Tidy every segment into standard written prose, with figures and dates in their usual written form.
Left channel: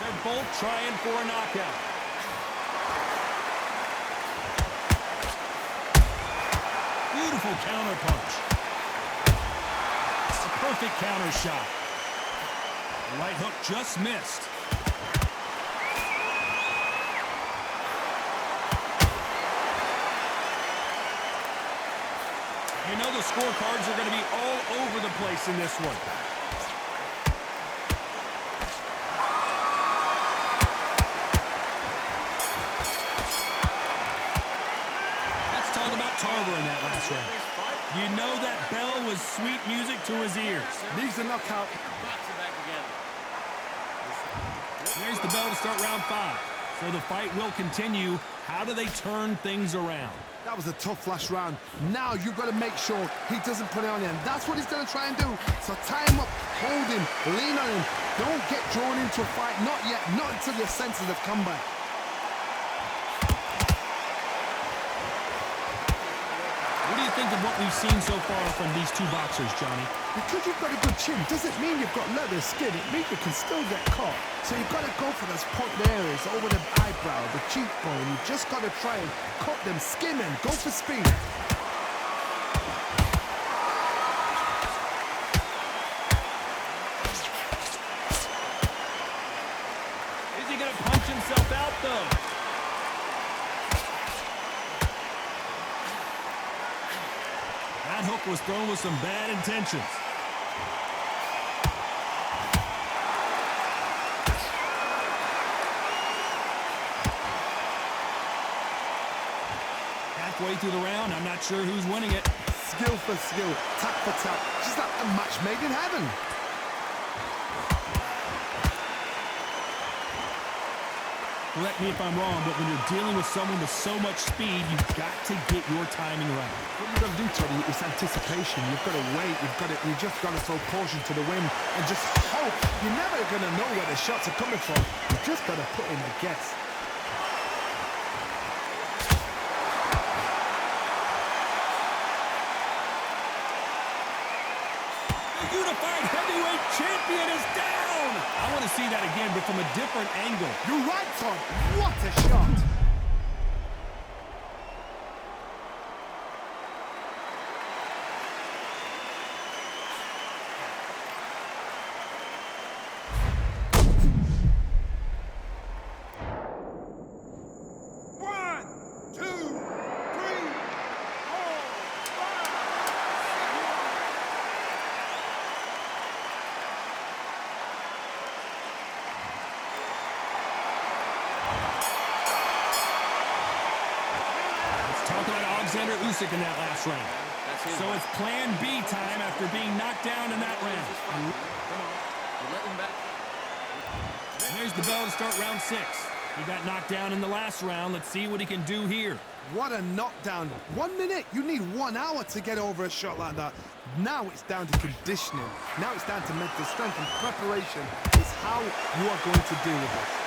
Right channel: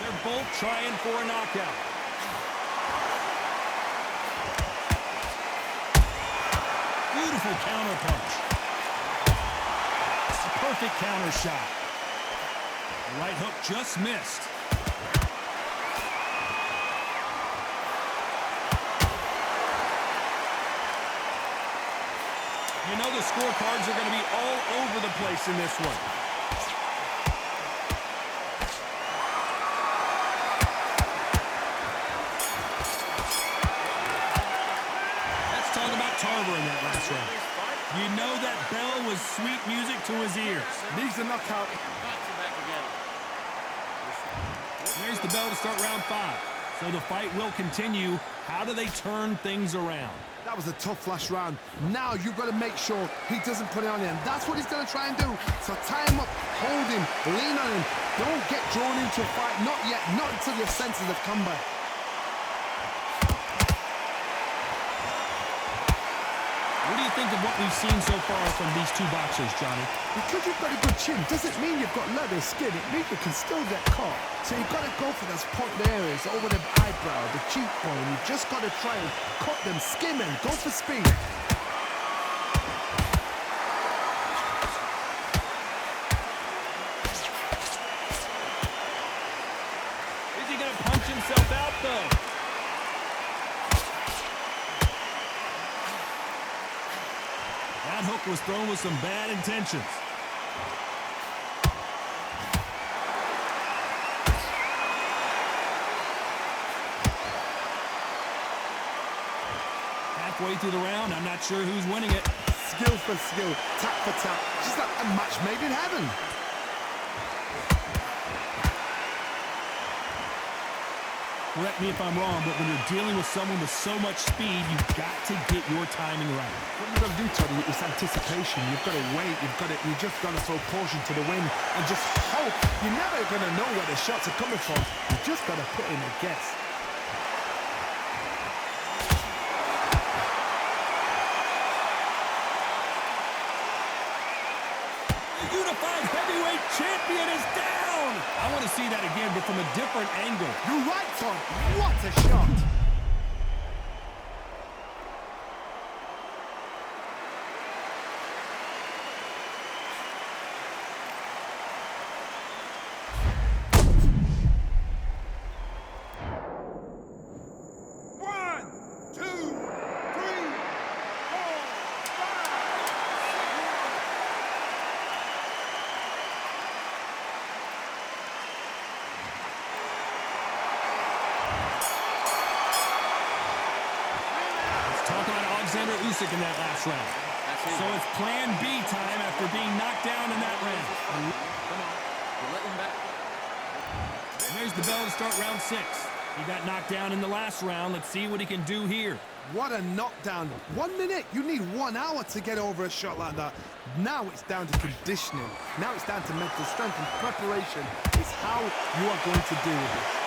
They're both trying for a knockout. Beautiful counter punch. A perfect counter shot. The right hook just missed. You know the scorecards are going to be all over the place in this one. Let's talk about Tarver in that last round. You know that bell was sweet music to his ears. Needs a knockout. There's the bell to start round 5. So the fight will continue. How do they turn things around? That was a tough last round. Now you've got to make sure he doesn't put it on you, and that's what he's going to try and do. So tie him up, hold him, lean on him. Don't get drawn into a fight. Not yet. Not until your senses have come back. What do you think of what we've seen so far from these two boxers, Johnny? Because you've got a good chin doesn't mean you've got leather skin. It means you can still get caught. So you've got to go for those pointed areas over the eyebrow, the cheekbone. You've just got to try and cut them, skim them, go for speed. Is he going to punch himself out, though? That hook was thrown with some bad intentions. Halfway through the round, I'm not sure who's winning it. Skill for skill, tap for tap. Just like a match made in heaven. Correct me if I'm wrong, but when you're dealing with someone with so much speed, you've got to get your timing right. What you've got to do, Toddy, is anticipation. You've got to wait. You just got to throw caution to the wind and just hope. You're never going to know where the shots are coming from. You just got to put in a guess. The unified heavyweight champion is down! I want to see that again, but from a different angle. You're right, Todd. What a shot! Talking about Alexander Usyk in that last round. So it's plan B time after being knocked down in that round. Come on. You're letting back. And there's the bell to start round 6. He got knocked down in the last round. Let's see what he can do here. What a knockdown. 1 minute. You need 1 hour to get over a shot like that. Now it's down to conditioning. Now it's down to mental strength and preparation. It's how you are going to deal with this.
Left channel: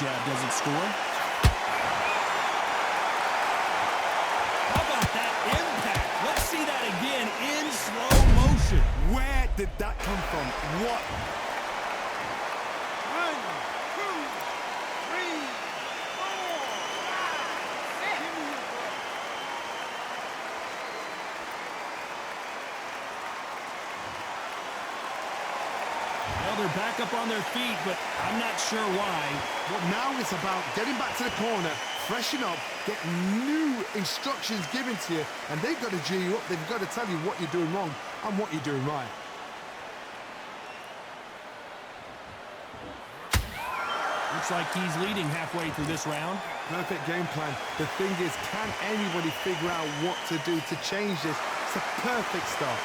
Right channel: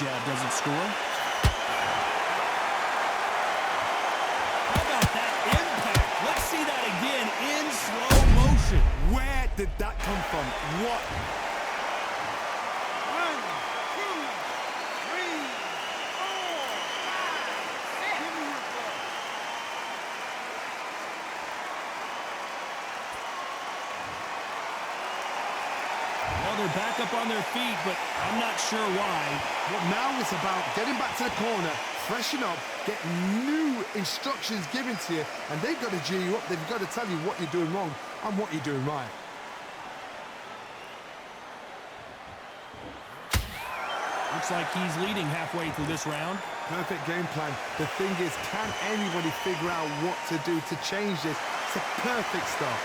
Jab doesn't score. How about that impact? Let's see that again in slow motion. Where did that come from? What? 1, 2, 3, 4, 5, 6. Give me your glove. Well, they're back up on their feet, but I'm not sure why. Well, now it's about getting back to the corner, freshen up, get new instructions given to you, and they've got to G you up. They've got to tell you what you're doing wrong and what you're doing right. Looks like he's leading halfway through this round. Perfect game plan. The thing is, can anybody figure out what to do to change this? It's a perfect start.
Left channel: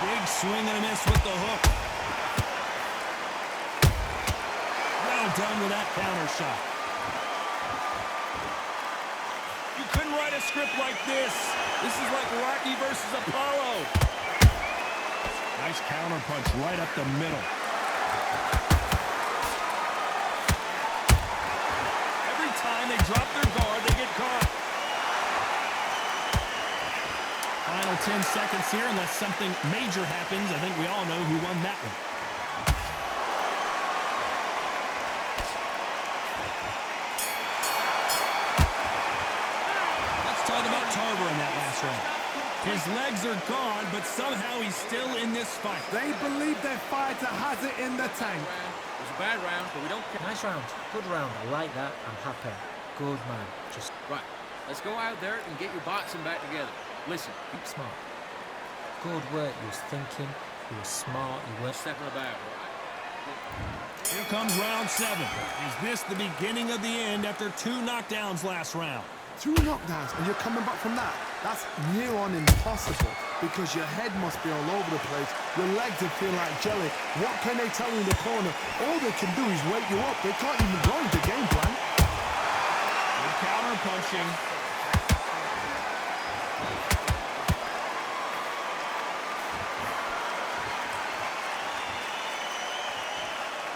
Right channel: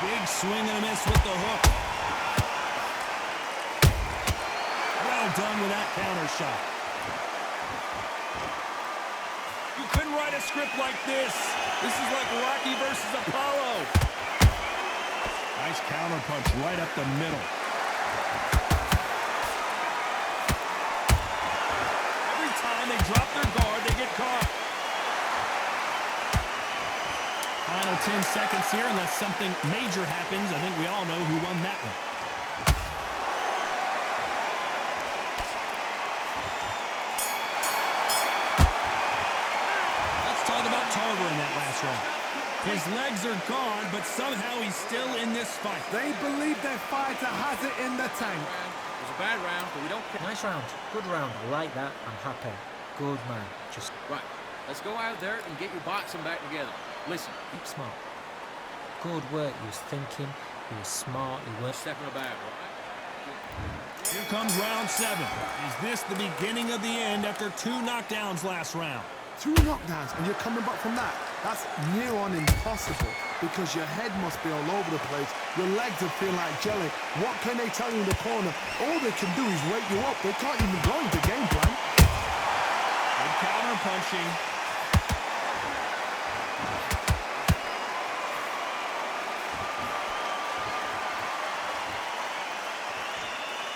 Big swing and a miss with the hook. Well done with that counter shot. You couldn't write a script like this. This is like Rocky versus Apollo. Nice counter punch right up the middle. Every time they drop their guard, they get caught. Final 10 seconds here, unless something major happens. I think we all know who won that one. Let's talk about Tarver in that last round. His legs are gone, but somehow he's still in this fight. They believe their fighter has it in the tank. It was a bad round, but we don't care. Nice round. Good round. I like that. I'm happy. Good man. Just Right. Let's go out there and get your boxing back together. Listen, keep smart. Good work. He was thinking. He was smart. He was stepping about, all right? Here comes round 7. Is this the beginning of the end after 2 knockdowns last round? 2 knockdowns, and you're coming back from that. That's near on impossible because your head must be all over the place. Your legs will feel like jelly. What can they tell you in the corner? All they can do is wake you up. They can't even go into game plan. Good counter punching.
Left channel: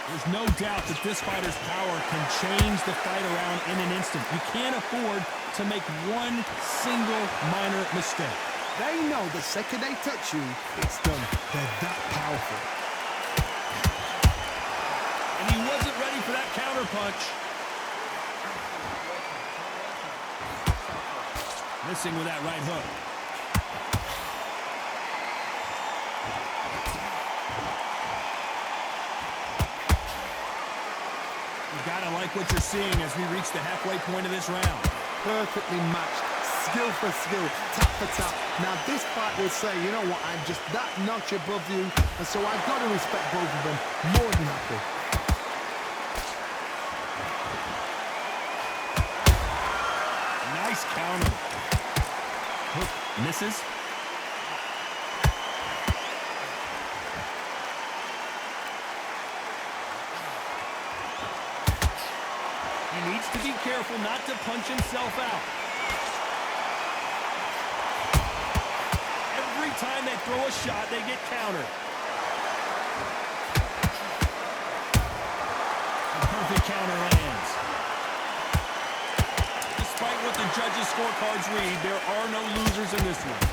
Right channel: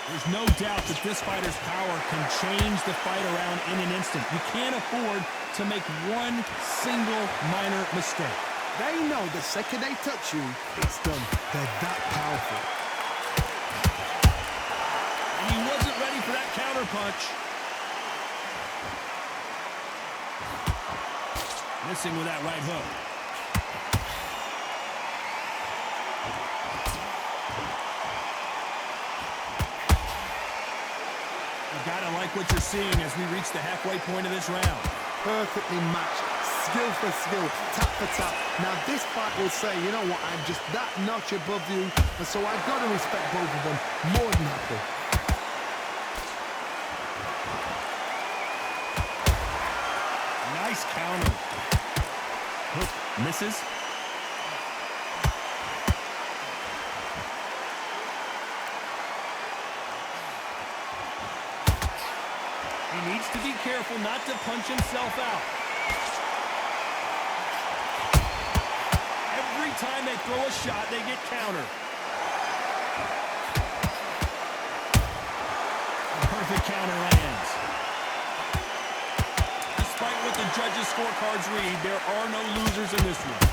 There's no doubt that this fighter's power can change the fight around in an instant. You can't afford to make one single minor mistake. They know the second they touch you, it's done. They're that powerful. And he wasn't ready for that counter punch. Missing with that right hook. Gotta like what you're seeing as we reach the halfway point of this round. Perfectly matched, skill for skill, tap for tap. Now this fight will say, you know what, I'm just that notch above you, and so I've got to respect both of them. More than happy. Nice counter. Hook misses. He needs to be careful not to punch himself out. Every time they throw a shot, they get countered. A perfect counter lands. Despite what the judges' scorecards read, there are no losers in this one.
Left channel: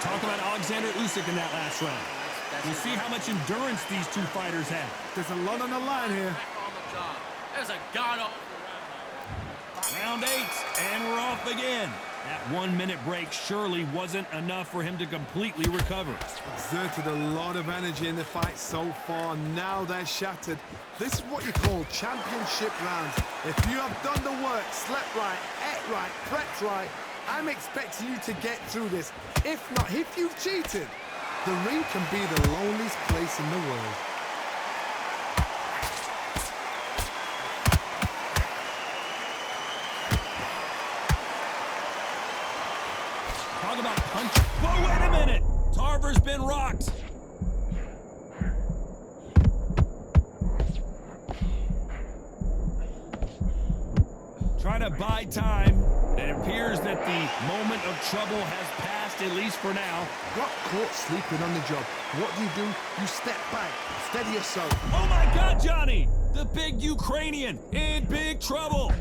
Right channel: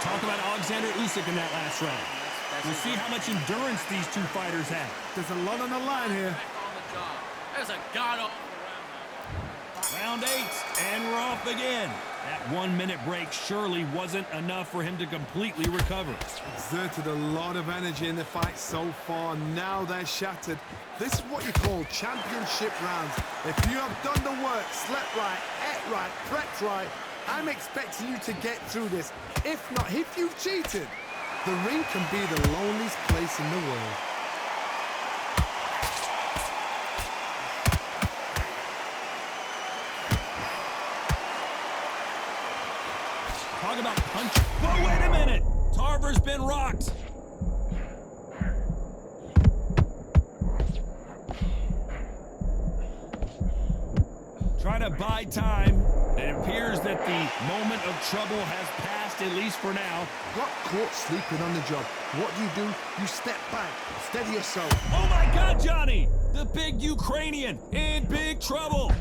Talk about Alexander Usyk in that last round. We'll see how much endurance these two fighters have. There's a lot on the line here. Back on the job. There's a god-awful round. Round 8, and we're off again. That 1-minute break surely wasn't enough for him to completely recover. Exerted a lot of energy in the fight so far. Now they're shattered. This is what you call championship rounds. If you have done the work, slept right, ate right, prepped right, I'm expecting you to get through this. If not, if you've cheated, the ring can be the loneliest place in the world. Talk about punch. Whoa, wait a minute! Tarver's been rocked. Trying to buy time. It appears that the moment of trouble has passed, at least for now. Got caught sleeping on the job. What do? You step back, steady yourself. Oh my God, Johnny! The big Ukrainian in big trouble.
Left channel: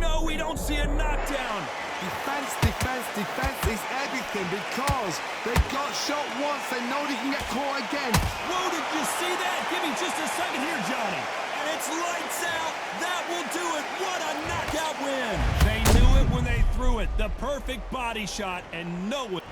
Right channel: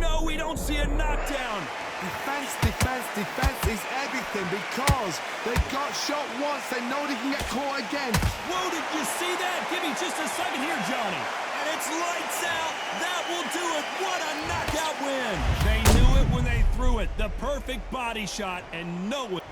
No, we don't see a knockdown. Defense, defense, defense is everything because they got shot once. They know they can get caught again. Whoa, did you see that? Give me just a second here, Johnny. And it's lights out. That will do it. What a knockout win. They knew it when they threw it. The perfect body shot, and no one.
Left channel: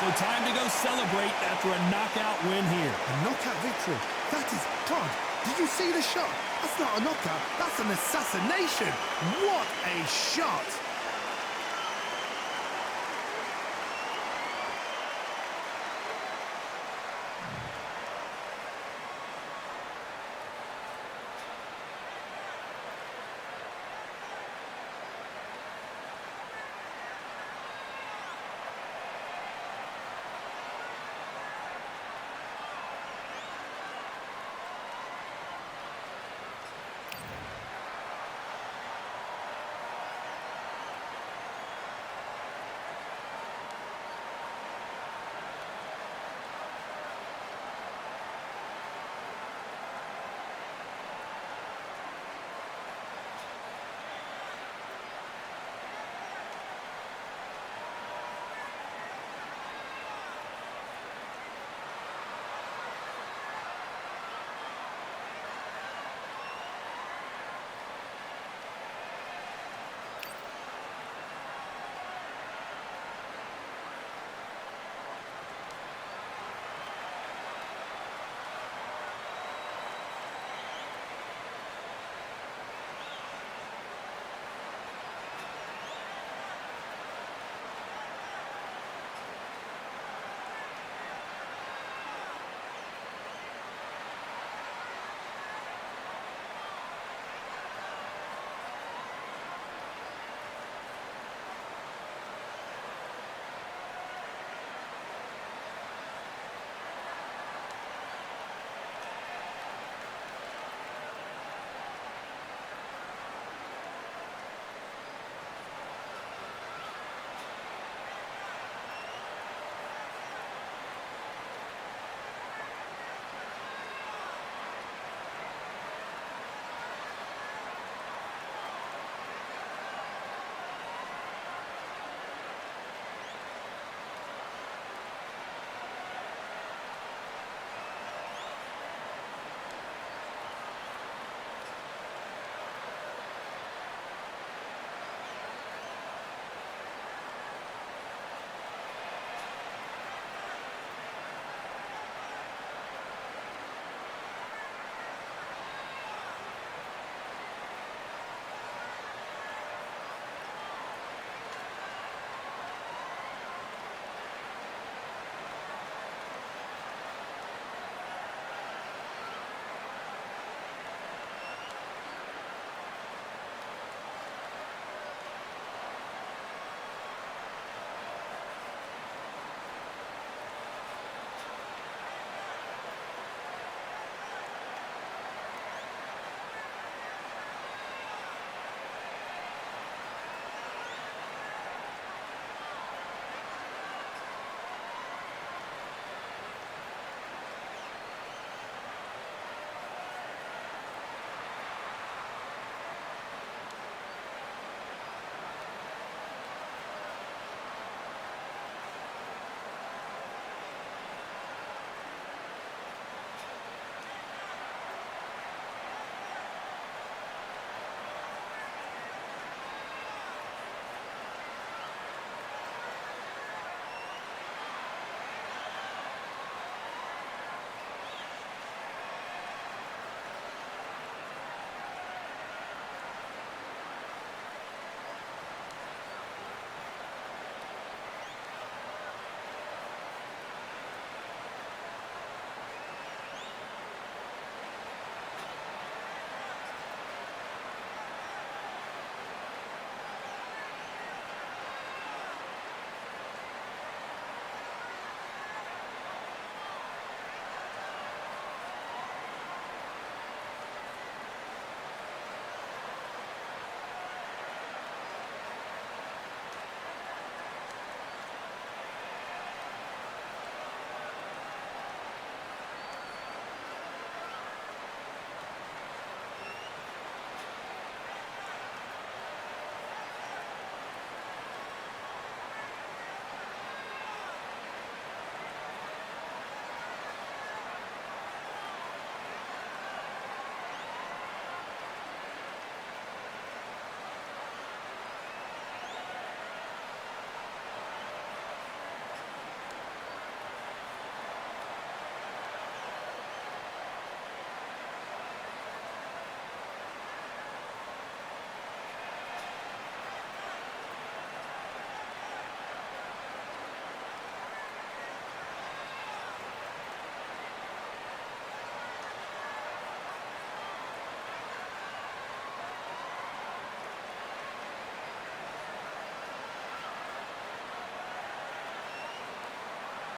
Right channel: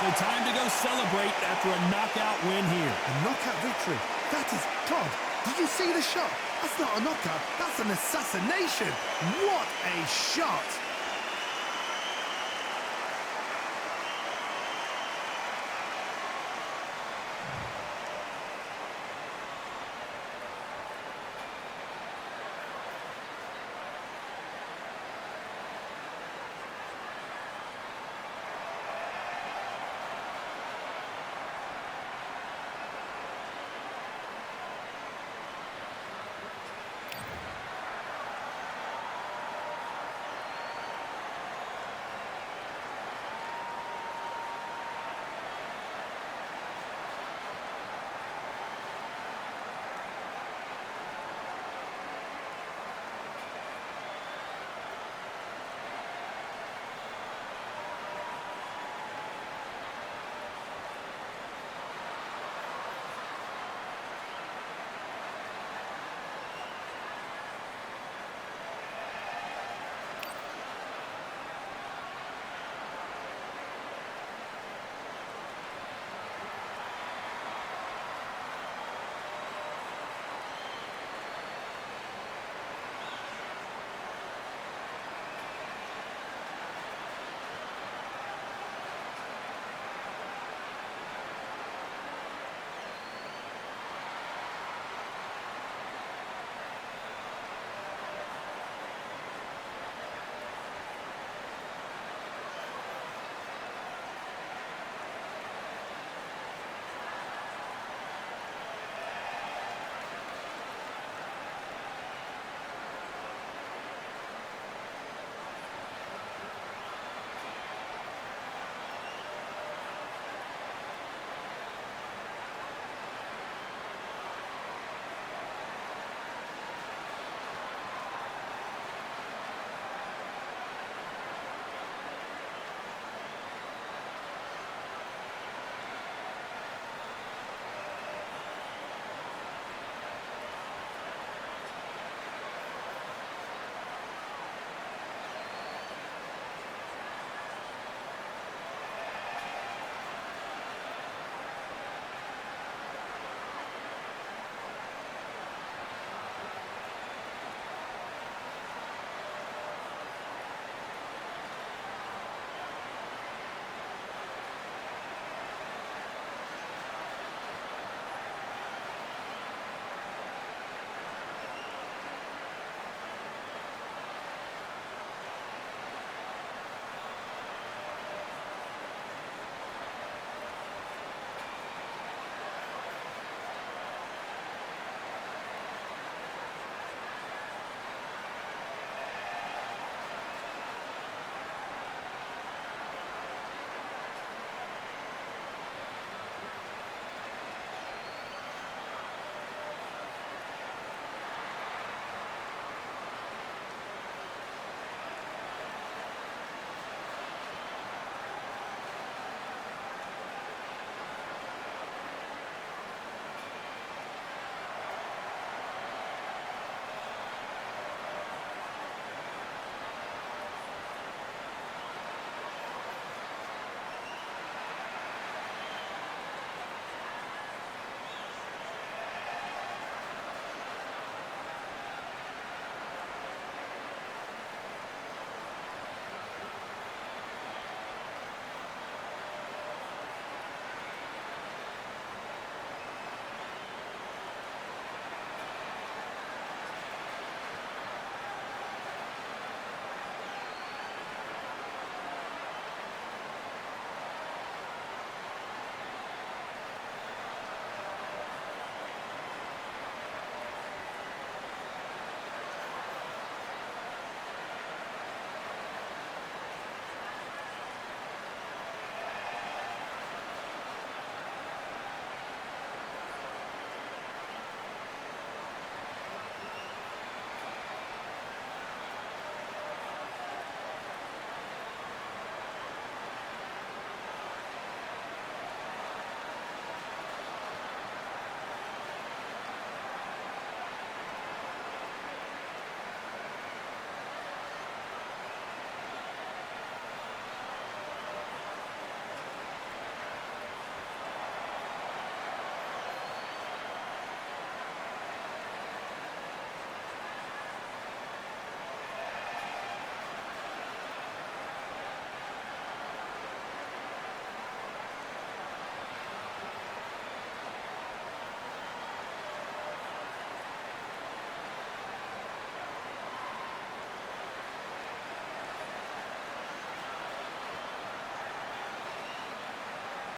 So time to go celebrate after a knockout win here. A knockout victory. That is God. Did you see the shot? That's not a knockout. That's an assassination. What a shot.